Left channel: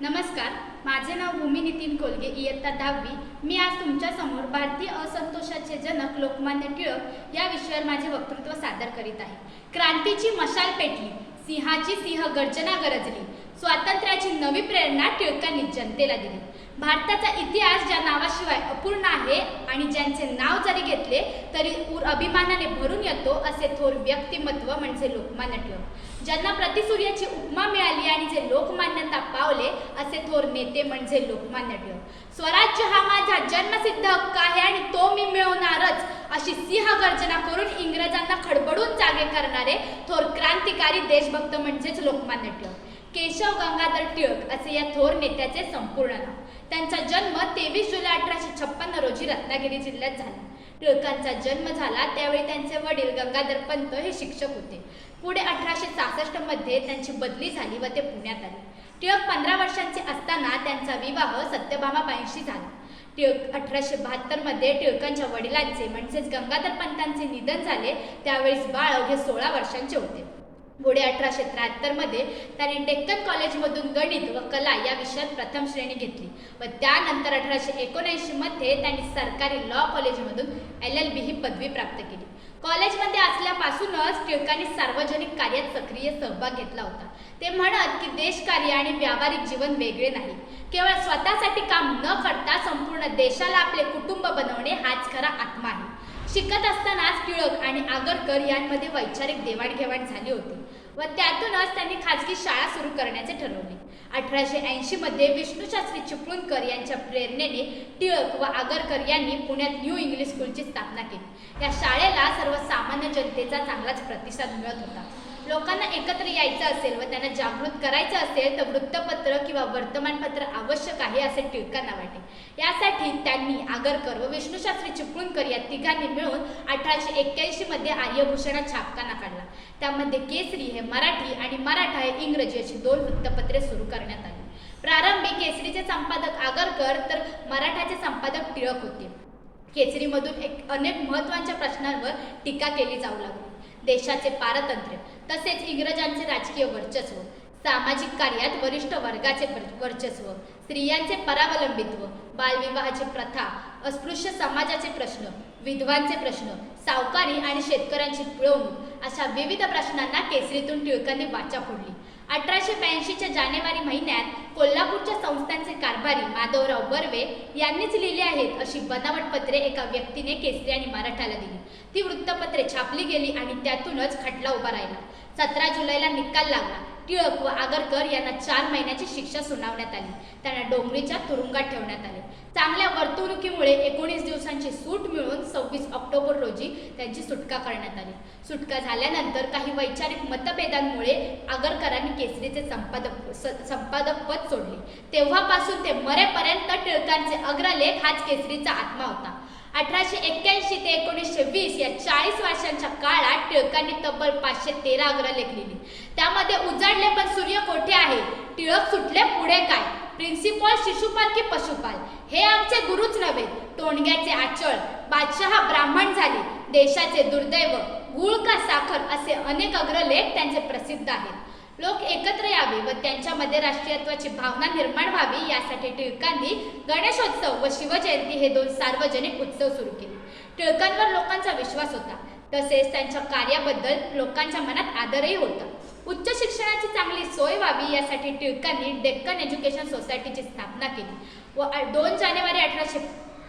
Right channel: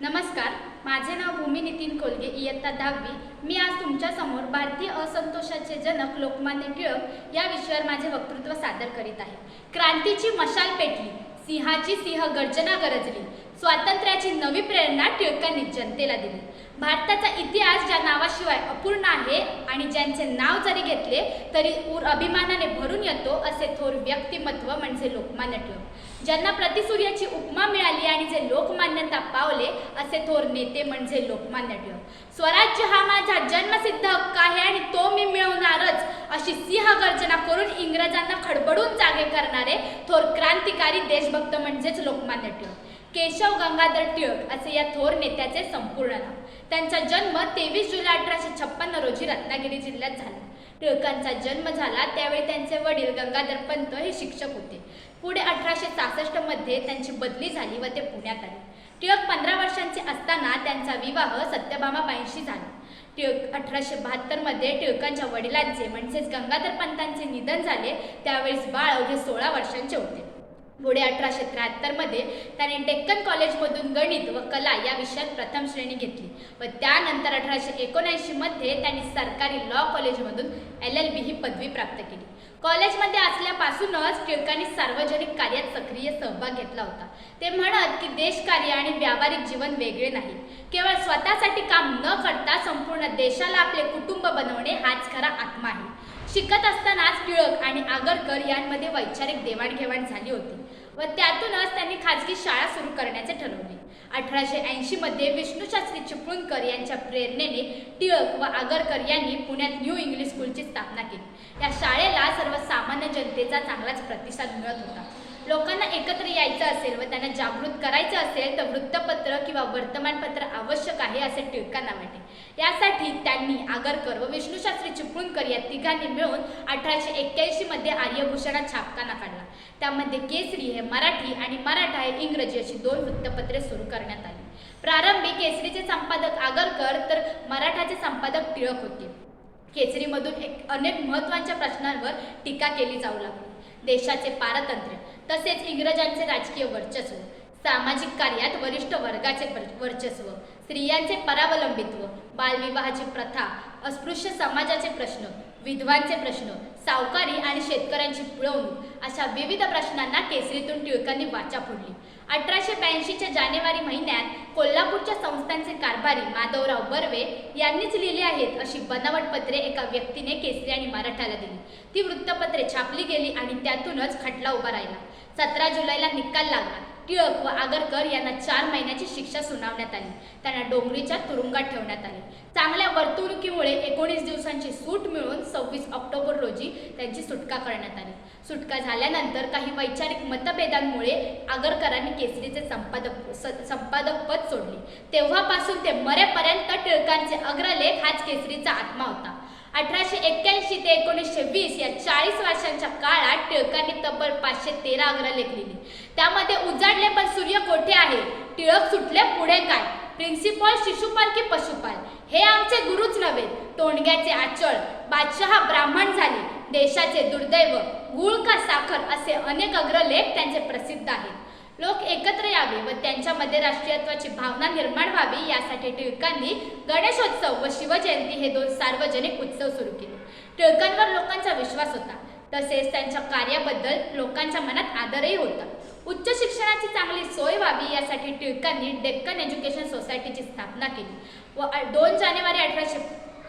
नमस्कार माझे नाव भूमी नितीन कोलगे इयत्ता दहावी. मी आज तुमच्यासमोर भारतीय असंतोषाचे जनक लोकमान्य टिळक या विषयावर माझे वक्तृत्व सादर करीत आहे. क्रांतीची मशाल पेटली सिंहाची सिंह गर्जना गरजली स्वातंत्र्याची नवी प्रेरणा टिळकांनी जनतेला दिली. भारताचा इतिहास ज्या नावाशिवाय अपूर्ण आहे आणि ज्यांचे नाव जरी घेतले तरी उर अभिमानाने भरून येतो असे थोर व्यक्तिमत्व म्हणजे लोकमान्य टिळक. ज्यांना प्रतिसूर्याची उपमा मिळाली आणि जे लोकमान्यता पावले असे थोर नेते म्हणजे लोकमान्य टिळक. स्वराज्य हा माझा जन्मसिद्ध हक्क आहे आणि तो मी मिळवणारच अशी सिंह गर्जना करून इंग्रजांना खडबडून जागे करणारे थोर क्रांतिकारी देशभक्त म्हणजेच लोकमान्य टिळक. केशव गंगाधर टिळक असे या थोर नेत्याचे संपूर्ण नाव. त्यांचा जन्म तेवीस जुलै अठराशे छप्पन्न रोजी रत्नागिरी जिल्ह्यात झाला. टिळकांचा जन्म झाला त्यावेळी त्यांचे वडील गंगाधर पंत हे शिक्षक होते. पुढे अठराशे सहासष्टमध्ये त्यांची बदली झाली व ते पुण्यात आले. टिळक पंधरा वर्षांचे असताना त्यांचा विवाह सत्यभामाबाईंशी झाला. टिळक अठराशे बहात्तरमध्ये टिळकांच्या वडिलांचे म्हणजेच गंगाधर पंतांचे निधन झाले. त्यावेळेस बाळ अवघे सोळा वर्षांचे होते. पुढे अठराशे त्र्याहत्तरमध्ये त्याने त्यांनी डेक्कन कॉलेजमधून गणित व कला या विषयात प्रथम श्रेणी घेतली व त्यानंतर अठराशे एकोणऐंशी मध्ये त्यांनी सरकारी लॉ कॉलेजमधून एल एल बी ही पदवी प्राप्त केली. कॉलेजमध्ये असल्यापासूनच टिळकांनी सार्वजनिक कार्यात सक्रिय सहभाग घेतला होता. ते म्हणत की देशकार्य आणि व्यावहारिक जीवन वेगळे नाही. केवळ स्वतःसाठी काम न करता संपूर्ण देशाला आपले कुटुंब बनवणे हाच खरा आत्मा आहे. शिकत असतानाच टिळक आणि आगरकर यांमध्ये वैचारिक देवाणघेवाण झाली होती व त्यातूनच त्यांनी खाजगी शाळा सुरू करण्याचे ठरवले. अठराशे ऐंशी मध्ये विष्णूशास्त्री चिपळूणकर यांच्या प्रेरणेने टिळक व आगरकर यांनी पुण्यात न्यू इंग्लिश स्कूलची स्थापना केली. या शाळेला सर्वसामान्य जनतेचा चांगलाच प्रतिसाद मिळत होता. लोकांना एकत्र यायचं असेल व त्यांना जागृत करायचं असेल तर वृत्तपत्र किंवा वर्तमानपत्र आवश्यक आहे असे टिळकांना वाटे. यासाठी त्यांनी आगरकर व विष्णूशास्त्री चिपळूणकर या तिघांनी मिळून अठराशे एक्क्याऐंशी मध्ये आर्यभूषणा छापखाना काढला. त्यामध्ये केसरी हे मराठी आणि मराठा हे इंग्रजी अशी दोन वृत्तपत्रे सुरू करण्यात आली. प्रारंभी केसरीचे संपादक आगरकर तर मराठाचे संपादक टिळक होते. केसरीमधून एक अनेक महत्त्वाच्या प्रश्नांवर टीका केली जाऊ लागली. देशाचे पारतंत्र्य तसेच इंग्रजांचे राजकीय वर्चस्व सामाजिक कार्यात वरिष्ठ वर्गाचे वर्चस्व स्त्रियांचे परावलंबित्व बालविवाहाची प्रथा अस्पृश्य समाजाचे प्रश्न विधवांचे प्रश्न सावकारी आणि शेतकऱ्यांची पिळवणूक अशा विविध प्रश्नांना केसरीतून टिळकांनी वाचा फोडली. अठराशे ब्याऐंशीच्या जानेवारी महिन्यात कोल्हापूरच्या संस्थांचे कारभारी माधवराव बर्वे यांनीच लिहिली आहेत अशी बनावट पत्रे एका व्यक्तीने केसरी आणि मराठाला दिली. ती वृत्तपत्रे छापली गेली आणि त्यातूनच खटला उभा राहिला. सतरा जुलैला निकाल लागला. टिळक व आगरकर यांना चार महिन्याची शिक्षा सुनावण्यात आली. त्यांना डोंगरीच्या तुरुंगात ठेवण्यात आले. चांगल्या वर्तणुकीमुळे सव्वीस ऑक्टोबर रोजी त्यांची सुटका करण्यात आली. सुटका झाल्यानंतर काही वैचारिक मतभेदांमुळे आगरकरांनी केसरीचे संपादक संपादक पद सोडले. तेव्हापासून ते मरेपर्यंत टिळकांचे अग्रलेख हाच केसरीचा आत्मा होता. अठराशे एक्क्याऐंशी ते एकोणीसशे वीस या चाळीस वर्षांच्या काळात टिळकांनी तब्बल पाचशे तेरा अग्रलेख लिहिले त्यामध्ये उजाडले पण सूर्य कोठे आहे? टिळक सुटले पुढे काय? प्रिन्सिपॉल शिशुपाल की पशुपाल? हे आमचे गुरुच नव्हे. तोंडग्याचे आचळ बादशहा ब्राह्मण झाले. देशाचे दुर्दैव गुळ का साखर असे अनेक अग्रलेख त्यांचे प्रसिद्ध आहेत. लोक एकत्र यावे व त्यांच्यामध्ये राष्ट्रीयत्वाची भावना निर्माण व्हावी यासाठी टिळकांनी गणेशोत्सव व शिवजयंती हे दोन सार्वजनिक उत्सव सुरू केले. टिळकांवर लोकांचा विश्वास होता. तसेच त्यांच्या कार्याबद्दल लोकांच्या मनात आदरही होता. उच्च शिक्षणाची चांगली सोय व्हावी यासाठी टिळकांनी डेक्कन एज्युकेशन सोसायटीची स्थापना केली व दोन जानेवारी अठराशे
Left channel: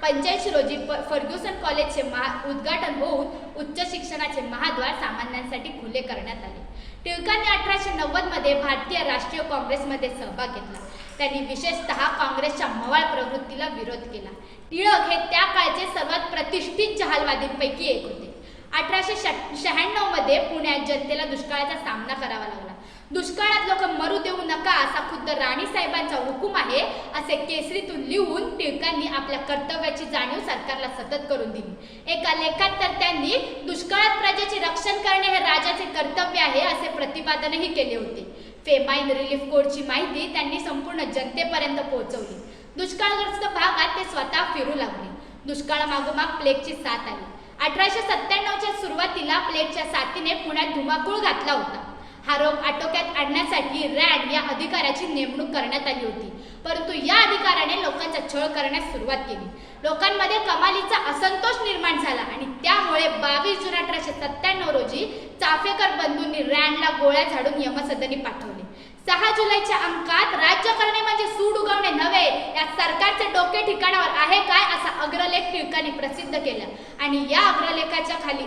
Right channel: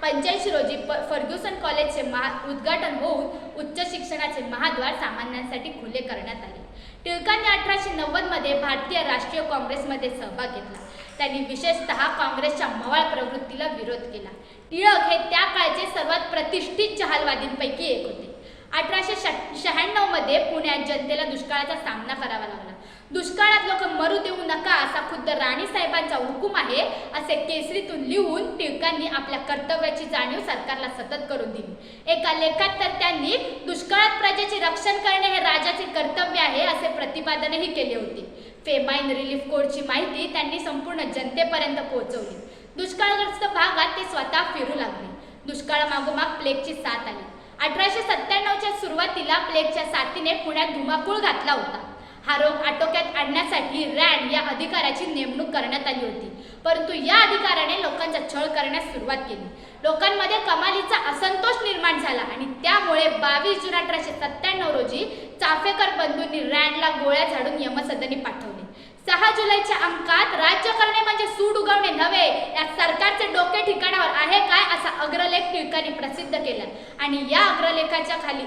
पंच्याऐंशी रोजी फ- फर्ग्युसन कॉलेजचे महा उद्घाटन होऊन उच्च शिक्षणाचे महाद्वार सामान्यांसाठी खुले करण्यात आले. टिळकांनी अठराशे नव्वदमध्ये भारतीय राष्ट्रीय काँग्रेसमध्ये सहभाग घेतला. त्यांनी विशेषतः काँग्रेसच्या मवाळ प्रवृत्तीला विरोध केला. टिळक हे त्या काळचे सर्वात प्रतिष्ठित जहालवादींपैकी एक होते. अठराशे शहाण्णवमध्ये पुण्यात जनतेला दुष्काळाचा सामना करावा लागला. दुष्काळात लोक मरू देऊ नका असा खुद्द राणी साहेबांचा हुकूम आहे असे केसरीतून लिहून टिळकांनी आपल्या कर्तव्याची जाणीव सरकारला सतत करून दिली. एका लेखात तर त्यांनी दुष्काळात प्रजेचे रक्षण करणे हे राजाचे कर्तव्य आहे असे प्रतिपादनही केले होते. फेमाईन रिलीफ कोडची माहिती त्यांनी संपूर्ण जनतेपर्यंत पोहोचवली. दुष्काळग्रस्त भागात ते स्वतः फिरू लागले. दुष्काळामागोमाग प्लेगची साथ आली. अठराशे सत्त्याण्णवच्या सुरुवातीला प्लेगच्या साथीने पुण्यात धुमाकूळ घातला होता. हा रोग आटोक्यात आणण्यासाठी रँड या अधिकाऱ्याची नेमणूक करण्यात आली होती. परंतु या अधिकाऱ्याने लोकांचा छळ करण्यास सुरुवात केली. लोकांमध्ये कमालीचा असंतोष निर्माण झाला आणि त्यामुळे बावीस जून अठराशे सत्त्याण्णव रोजी चाफेकर बंधूंनी रॅनला गोळ्या झाडून यमसदनी पाठवले. सहा जुलैच्या अंकात राज्य करणे म्हणजे सूड उगवणे नव्हे या सरकारचे डोके ठिकाणावर आहे काय असा अग्रलेख टिळकांनी प्रसिद्ध केला. आणि या अग्रलेखाच्या खाली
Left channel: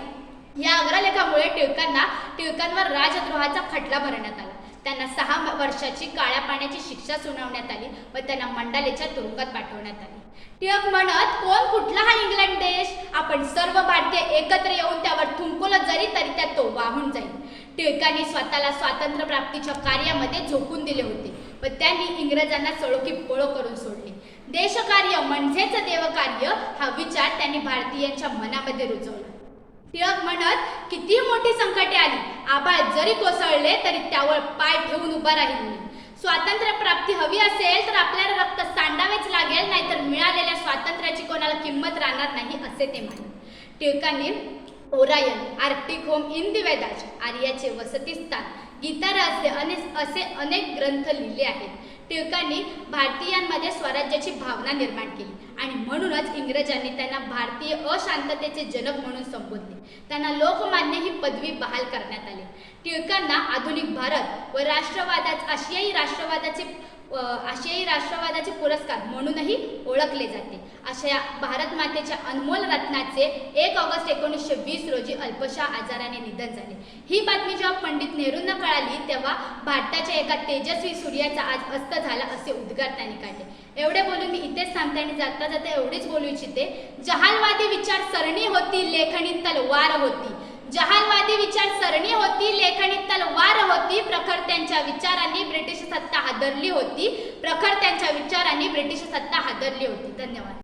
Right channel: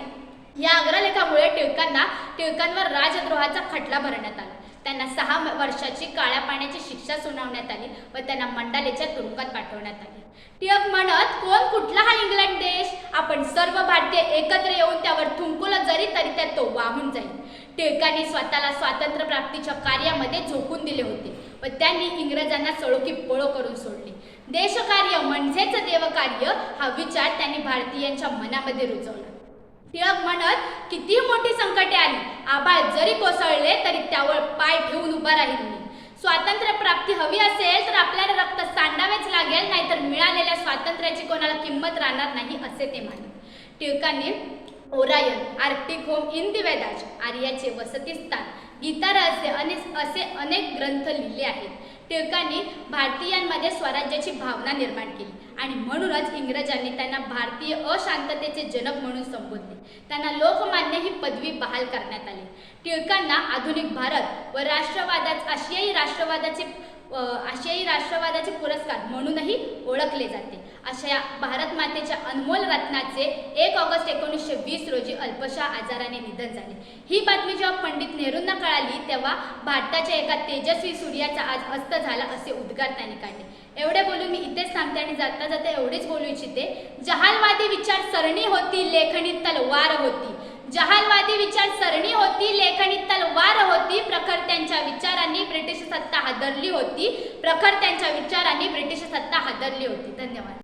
या अग्रलेखामुळे टिळकांना टिळकांवर राजद्रोहाचा खटला भरण्यात आला. त्यांना सहा वर्षाची काळ्या पाण्याची शिक्षा सुनावण्यात आली व त्यांना मंडालेच्या तुरुंगात पाठवण्यात आले. टिळक म्हणत कोण कुठला हा इंग्लंड देश? आपण सर्व भारतीय एकत्र येऊन त्यावर थुंकलं जरी तरी त्यात तो वाहून जाईल. टिळकांनी स्वतःला स्वातंत्र्य प्राप्तीच्या कार्यामध्ये झोकून दिले होते. व त्यांनी इंग्रजांना सळोकी पळो करून सोडले. देशकार्य म्हणजेच देवकार्य हा विचार त्यांनी भारतीयांच्या मनामध्ये रुजवला. टिळक म्हणत किती मोठी संकटे आली. आबाळ जरी कोसळले तरी त्यावर पाय ठेवून उभा राहील स्वातंत्र्य प्राप्ती हवी असेल तर आपल्याला रक्त सांडावेच लागेल नाहीतर मिळालेल्या स्वातंत्र्याची कोणाला किंमत राहणार नाही असे ते म्हणत. टिळकांनी Orion Arctic home in Vedas आर्याचे वसतिस्थान गीता रहस्य अनेक असे अनेक ग्रंथ लिहिले आहेत. टिळकांनी भारतीयांमध्ये स्वराज्याची भावना निर्माण केली आणि म्हणूनच इंग्रजांनी त्यांना भारतीय अशांततेचे जनक म्हणून संबोधले. त्यांना लोकमान्य ही पदवी बहाल करण्यात आली. टिळकांना आधुनिक भारत व राष्ट्रवादात आशियाई राष्ट्रवादाचे आशियाई राष्ट्रवादाचे पुरस्कार म्हणूनही ओळखले जाते. अशा या भारत मातेच्या अनमोल रत्नाचे एक ऑगस्ट एकोणीसशे वीस अल्पशा आजाराने निधन झाले. ही बातमी जेव्हा पंडित नेहरूंना कळाली तेव्हा भारताच्या एका तेजस्वी सूर्याचा आज अस्त झाला असे उद्गार त्यांनी काढले. एवढे बोलून मी इथेच थांबते आणि जाता जाता एवढेच बोलू इच्छिते. जहालवादी विचार सरणी होती लेखणी तलवार होती. जहालवादी विचार सरणी होती लेखणी तलवार होती. प्रखर त्यांच्या विचारांनी ब्रिटिश सत्ता हादरली होती. प्रखर त्यांच्या विचारांनी ब्रिटिश सत्ता हादरली होती. धन्यवाद.